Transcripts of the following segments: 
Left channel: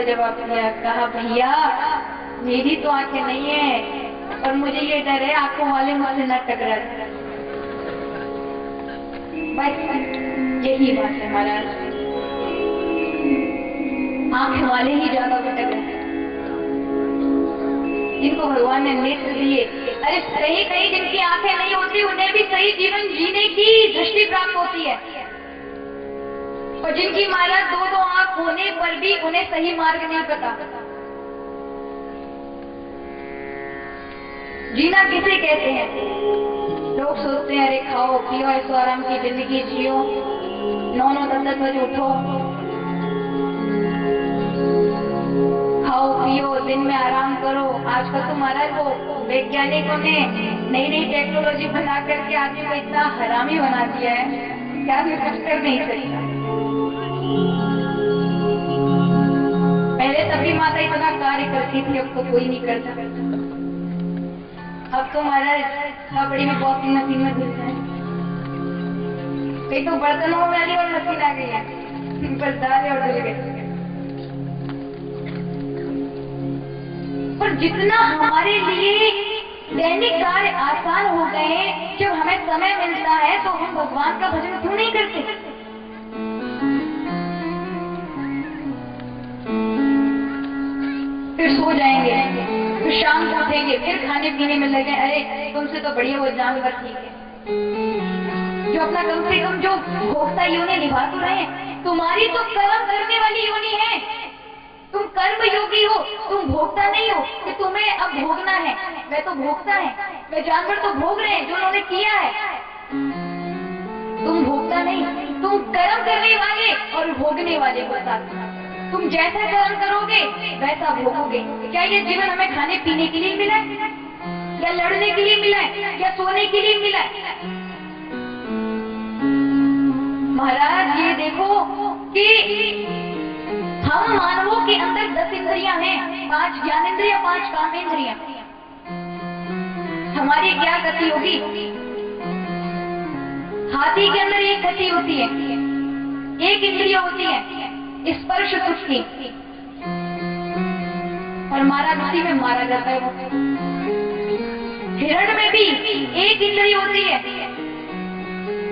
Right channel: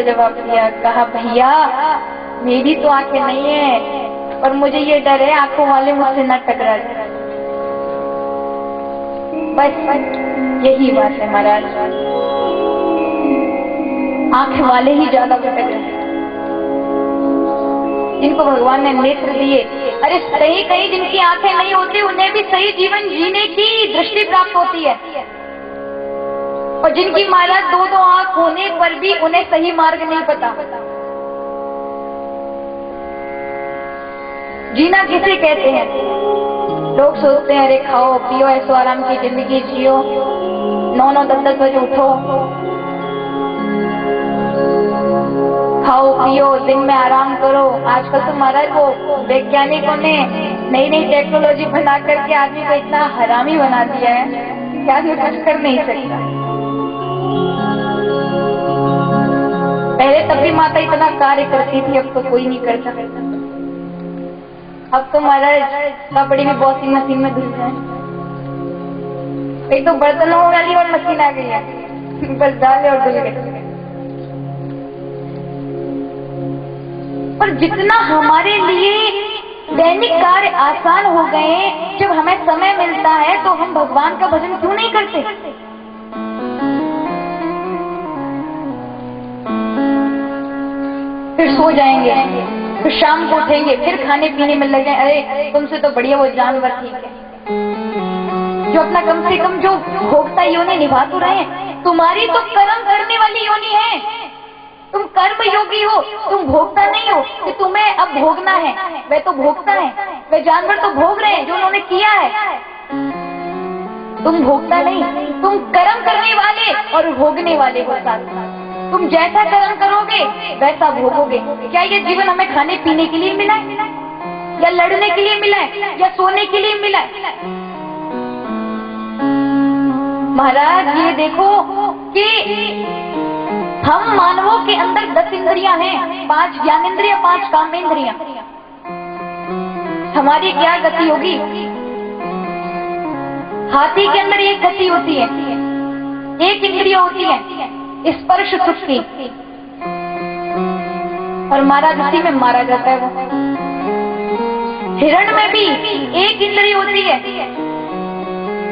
सा जवाब दिया, कहा भैया मेरी तो आंखें नहीं है, पर मुझे ये डर है आंखों वाले मुझसे न टकरा जाए। बस यही बात है महाराज, आंख वाले ही ज्यादा भटक रहे हैं, जिनको भगवान ने नेत्र दिए। अरे सही कहीं जिनकी आंखें नहीं होती उन्हें भी सही जीवन जीने की दृष्टि प्राप्त होती है, और जिनकी महाराज दो दो आंख होने पर भी उन्हें सही मार्ग नहीं पता। जीना किसे कहते हैं? लोग सोचते हैं अरे खाओ पियो ऐसो आराम की जिंदगी जियो, 9-9 10-10 बजे उठो, खाओ पियो दिन में आराम करो। आजकल तो महाराज वो वैज्ञानिकों ने नई नई टेक्नोलॉजी बना करके आदमी को इतना हरामी बना दिया है कि आदमी कुछ कर नहीं सकता। पहले तब भी माता इतना कार्य करती थी, अब तो कोई नहीं करता। अब तो महाराज कपड़े भी वॉशिंग मशीन में धुलते हैं, एक तो बर्तनों वाली और मशीन आ गई है, बस डाले और धुल गए। पर जितना हमारे लिए दैनिक कार्य आसान हो गए, जब हमें समय मिलता है तो हम भगवान का भजन क्यों नहीं करते? फिर सो जाएंगे, फिर शाम को उठेंगे, फिर खाने पीने में लगे। अरे तुमसे तो बढ़िया वो जानवर ठीक है जो अपना कम से कम जो भोक्ता योनि निभा तो रहे हैं। तुम्हारी तो कर्म करने वाली योनि है, तुम कर्म योगी हो, तुम भोक्ता नहीं हो कि तुम्हें अब भोगना है। वे तो भोक्ता है, वे जानवर तो भोग रहे हैं जो उन्होंने किया है। तुम भोक्ता नहीं, तुम कर्म करने वाले और भोगने वाले हो साथ। तुम जैसा कर्म करोगे वैसा भोगोगे। क्या ये जीवन हमें खाने पीने के लिए मिला है, या लड़ने के लिए मिला है, या सोने के लिए मिला है? महाराज ये देखो कि हम मानवों के अंदर 10 इंद्रियां हैं, 5 ज्ञानेंद्रियां, 5 कामेंद्रियां। हमारी क्या गति होगी? हाथी के अंदर एक गति होती है, एक इंद्रिया होती है स्पर्श सुख की, और महाराज उसी में मारा जाता है वो। हिरण में भी एक इंद्रिय होती है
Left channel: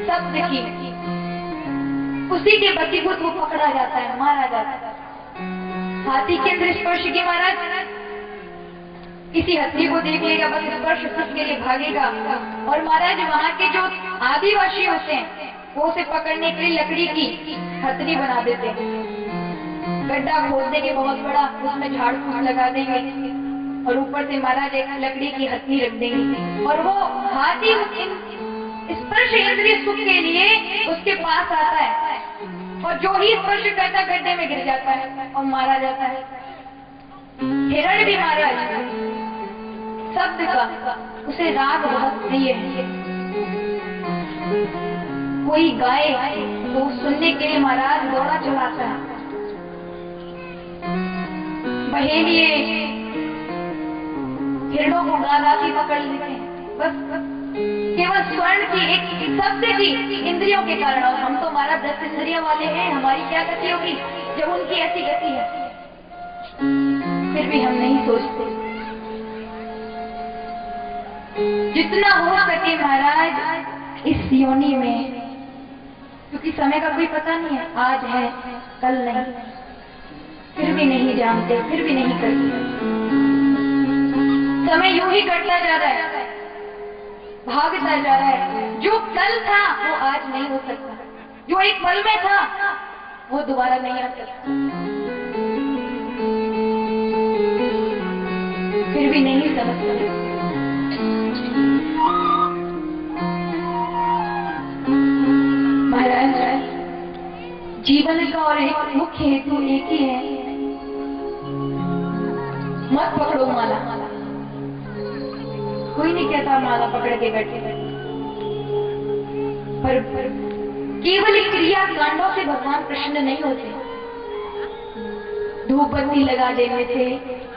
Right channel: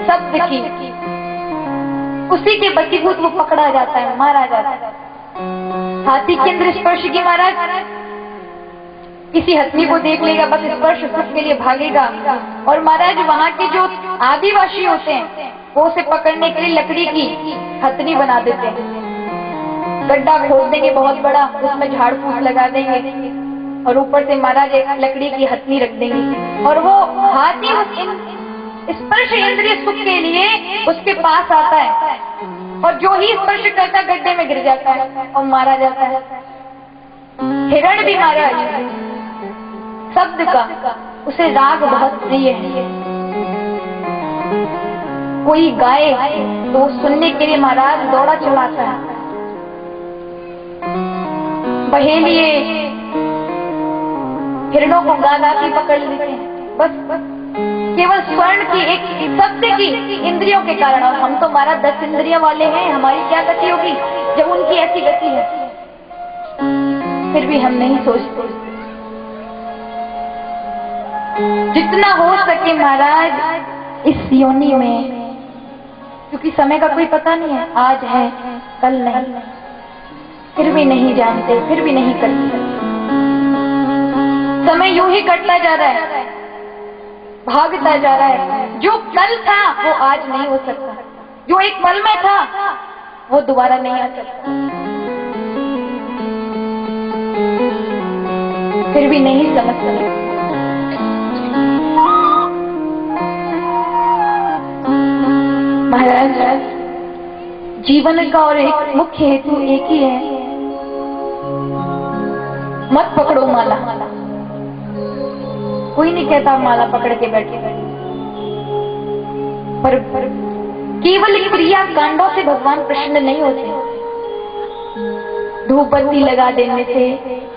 शब्द की, उसी के बसीभूत वो पकड़ा जाता है, मारा जाता है। हाथी के अंदर स्पर्श की, महाराज किसी हथनी को देख लेगा बस स्पर्श सुख के लिए भागेगा। और महाराज वहाँ के जो आदिवासी होते हैं वो उसे पकड़ने के लिए लकड़ी की हथनी बना देते हैं, गड्ढा खोद देंगे बहुत बड़ा, उसमें झाड़ फूस लगा देंगे और ऊपर से महाराज एक लकड़ी की हथनी रख देंगे, और वो हाथी उस स्पर्श इंद्रिय सुख के लिए उसके पास आता है, और जो ही स्पर्श करता गड्ढे में गिर जाता है और मारा जाता है। हिरण भी महाराज शब्द का उसे राग बहुत प्रिय है, कोई गाए तो सुनने के लिए महाराज दौड़ा चलाता है। बहेलिए हिरणों को गा के पकड़ लेते हैं, बस केवल स्वर्ण की एक शब्द की इंद्रियों के कारण। और हम तो हमारा 10 इंद्रियों वाले हैं, हमारी क्या गति होगी जब उनकी ऐसी गति है? फिर भी हम नहीं सोचते। जितना हो सके महाराज इस योनि में, क्योंकि समय का कोई पता नहीं है, आज है कल नहीं, फिर भी नहीं जानते, फिर भी नहीं करते। समय यूं ही कटता जा रहा है, भागता जा रहा है। जो कल था वो आज नहीं हो सकता, जो एक पल में था वो दोबारा नहीं आ सकता। फिर भी नहीं समझते। महाराज जीवन का और एक मुख्य हेतु एक ही है, मत पकड़ो माला। कोई नहीं कहता माला पकड़ के बैठे, पर केवल क्रिया कांडों से भगवान प्रसन्न नहीं होते। धूप बत्ती लगा देने से,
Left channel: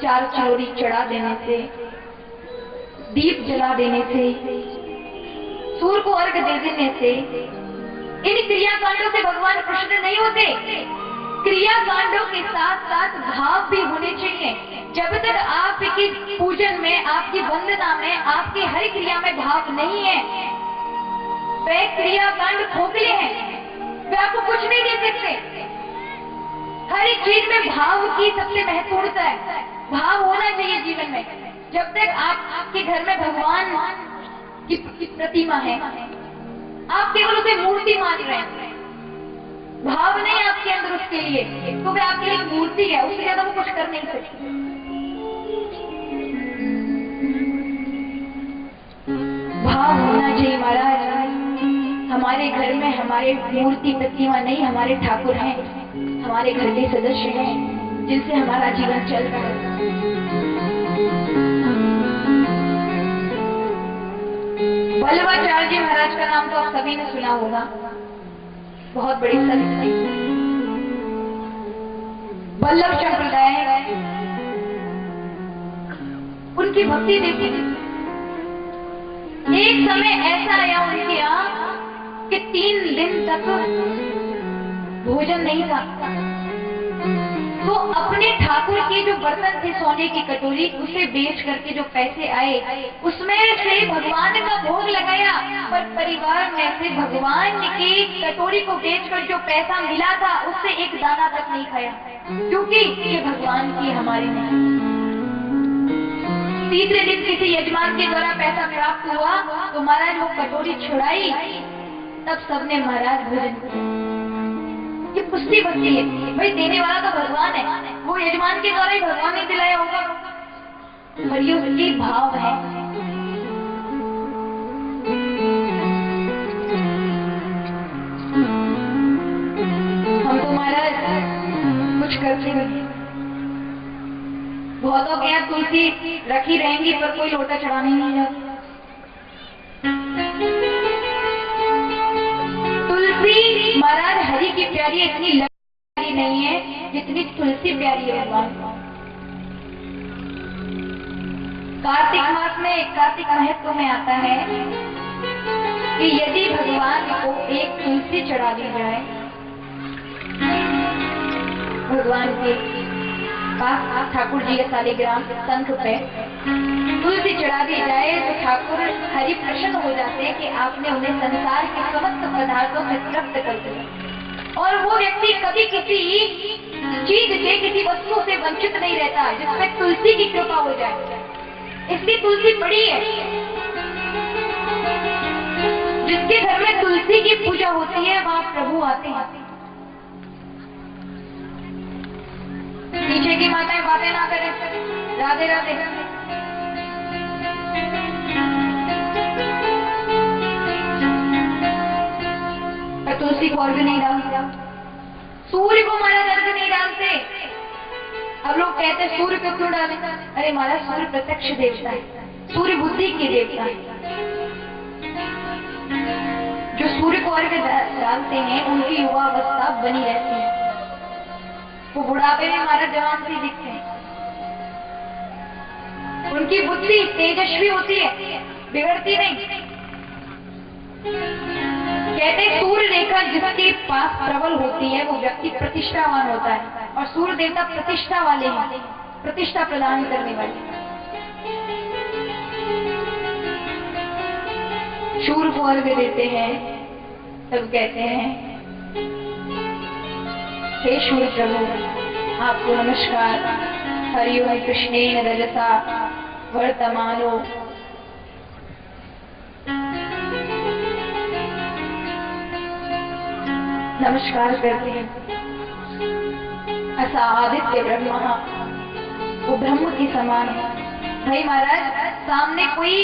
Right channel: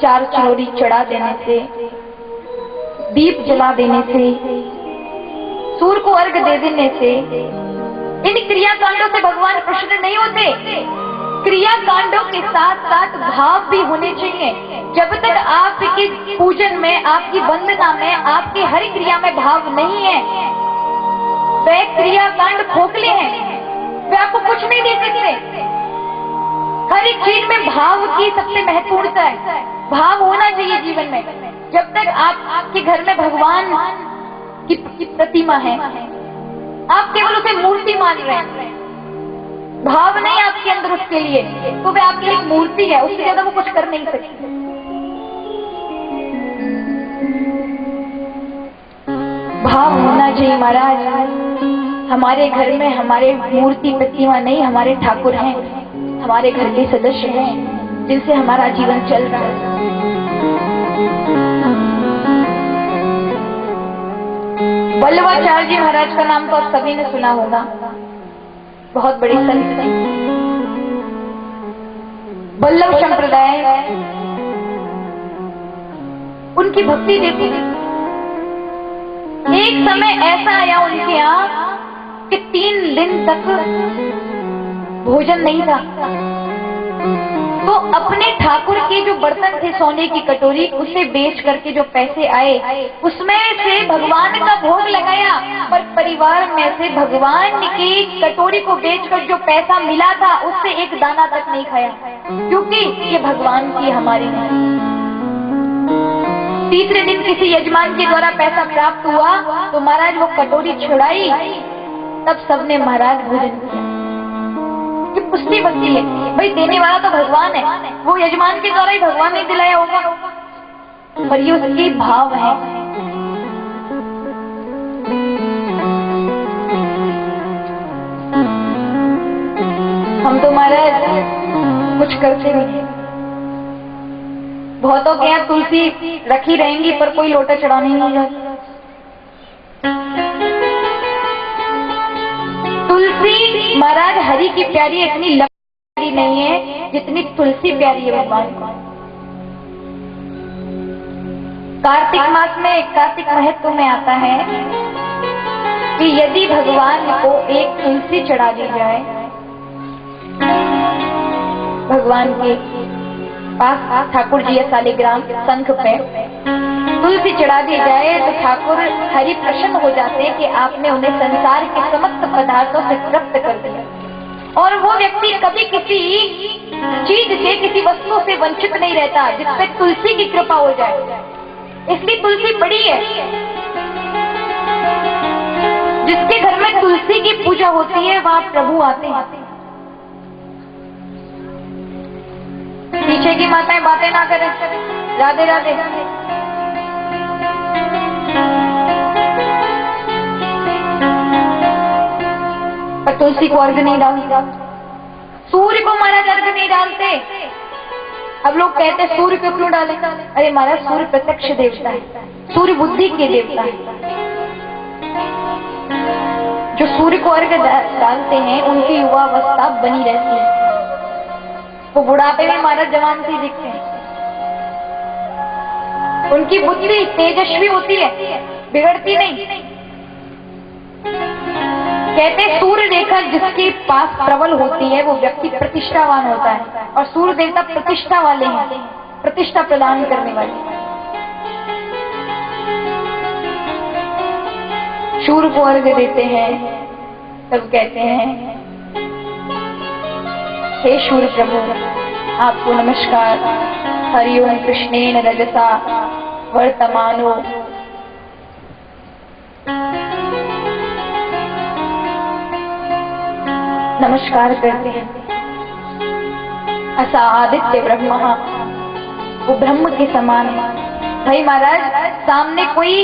4 चोरी चढ़ा देने से, दीप जला देने से, सूर्य को अर्घ दे देने से, इन क्रिया कांडों से भगवान प्रसन्न नहीं होते। क्रिया कांडों के साथ साथ भाव भी होने चाहिए। जब तक आपके पूजन में, आपकी वंदना में, आपकी हर क्रिया में भाव नहीं है, वे क्रिया कांड खोखले हैं, वे आपको कुछ नहीं दे सकते। हर एक चीज में भाव की सबसे महत्वपूर्णता है। भाव होना चाहिए जीवन में। जब तक आपके घर में भगवान की प्रतिमा है, आप केवल उसे मूर्ति मान रहे हैं, भाव नहीं आपके अंदर उसके लिए, तो वे आपके लिए मूर्ति है, उससे ज्यादा वो कुछ कर नहीं सकती। भाव होना चाहिए महाराज। हमारे घर में हमारे मूर्ति प्रतिमा नहीं, हमारे ठाकुर हैं, हमारे घर के सदस्य हैं, जिनसे हमारा जीवन चल रहा है। वल्लभाचार्य जी महाराज का नाम तो आप सभी ने सुना होगा, बहुत बड़े संत थे। वल्लभ संप्रदाय, उनकी भक्ति देखी। एक समय ऐसा आया उनके यहाँ कि 3 दिन तक भोजन नहीं था, तो अपने ठाकुर के जो बर्तन थे, सोने की कटोरी, उसे बेच करके जो पैसे आए उसमें से भगवान का भोग लगाया, पर परिवार में से भगवान की कटोरी को बेचकर जो पैसा मिला था उससे एक दाना तक नहीं खाया, क्योंकि ये भगवान की, हमारी नहीं। तीसरे दिन किसी यजमान के द्वारा पैसा प्राप्त हुआ तो महाराज वो कटोरी छुड़ाई, तब सबने महाराज भोजन किया। कि पुष्टि बनती है, भाई देने वाला तो भगवान है, वो यजमान के द्वारा ही भगवान ने दिलाया होगा, पर ये उसके भाव है। हम तो महाराज कुछ करते नहीं, बहुतों के यहाँ तुलसी रखी रहेंगी पर कोई लोटा चढ़ाने नहीं जाता। तुलसी महाराज हरि की प्यारी, इतनी प्यारी नहीं है जितनी तुलसी प्यारी है भगवान को। कार्तिक मास में, कार्तिक महत्व में आता है कि यदि भगवान को एक तुलसी चढ़ा दी जाए, भगवान के पास ठाकुर जी शालिग्राम शंख पे तुलसी चढ़ा दी जाए, तो ठाकुर हरि प्रसन्न हो जाते हैं कि आपने उन्हें संसार के समस्त पदार्थों से तृप्त कर दिया। और वो व्यक्ति कभी किसी चीज से, किसी वस्तु से वंचित नहीं रहता जिसपे तुलसी की कृपा हो जाए। इसलिए तुलसी बड़ी है। जिसके घर में तुलसी की पूजा होती है वहां प्रभु आते हैं। पीछे की माताएं बातें ना करें। राधे राधे। पर तुलसी को अर्घ नहीं डालते, सूर्य को महाराज अर्घ नहीं डालते। अब लोग कहते हैं सूर्य को क्यों डालें? अरे महाराज, सूर्य प्रत्यक्ष देवता है, सूर्य बुद्धि के देवता है। जो सूर्य को अर्घ डालते हैं उनकी युवावस्था बनी रहती है, वो बुढ़ापे में महाराज जवान से दिखते हैं। उनकी बुद्धि तेजस्वी होती है, बिगड़ती नहीं। कहते सूर्य रेखा जिसके पास प्रबल होती है वो व्यक्ति प्रतिष्ठावान होता है, और सूर्य देवता प्रतिष्ठा वाले हैं, प्रतिष्ठा प्रदान करने वाले। सूर्य को अर्घ देते हैं तब कहते हैं हे सूर्य प्रभु, आपको नमस्कार। हरिओम कृष्णेन रजसा वर्तमानो। नमस्कार करते हैं। असा आदित्य ब्रह्मा, वो ब्रह्म के समान है। भाई महाराज, सामने कोई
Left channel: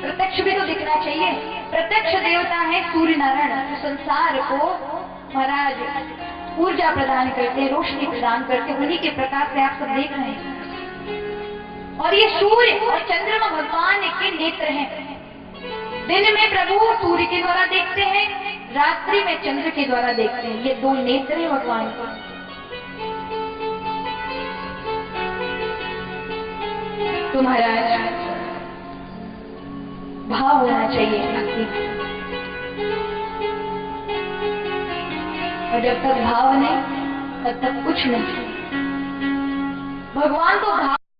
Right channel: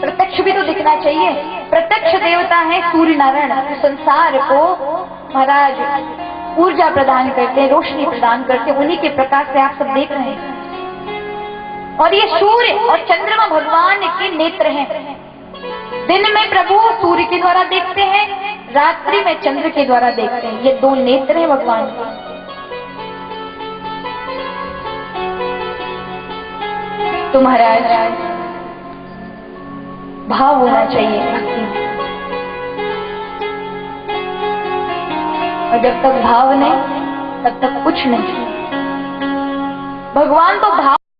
प्रत्यक्ष भी तो दिखना चाहिए। प्रत्यक्ष देवता है सूर्य नारायण, जो संसार को महाराज ऊर्जा प्रदान करते हैं, रोशनी प्रदान करते हैं। उन्हीं के प्रकाश से आप सब देख रहे हैं। और ये सूर्य और चंद्रमा भगवान के नेत्र हैं। दिन में प्रभु सूर्य के द्वारा देखते हैं, रात्रि में चंद्र के द्वारा देखते हैं। ये दो नेत्र हैं भगवान के। तो महाराज, भाव होना चाहिए। और जब तक भाव नहीं, तब तक कुछ नहीं। भगवान तो भाव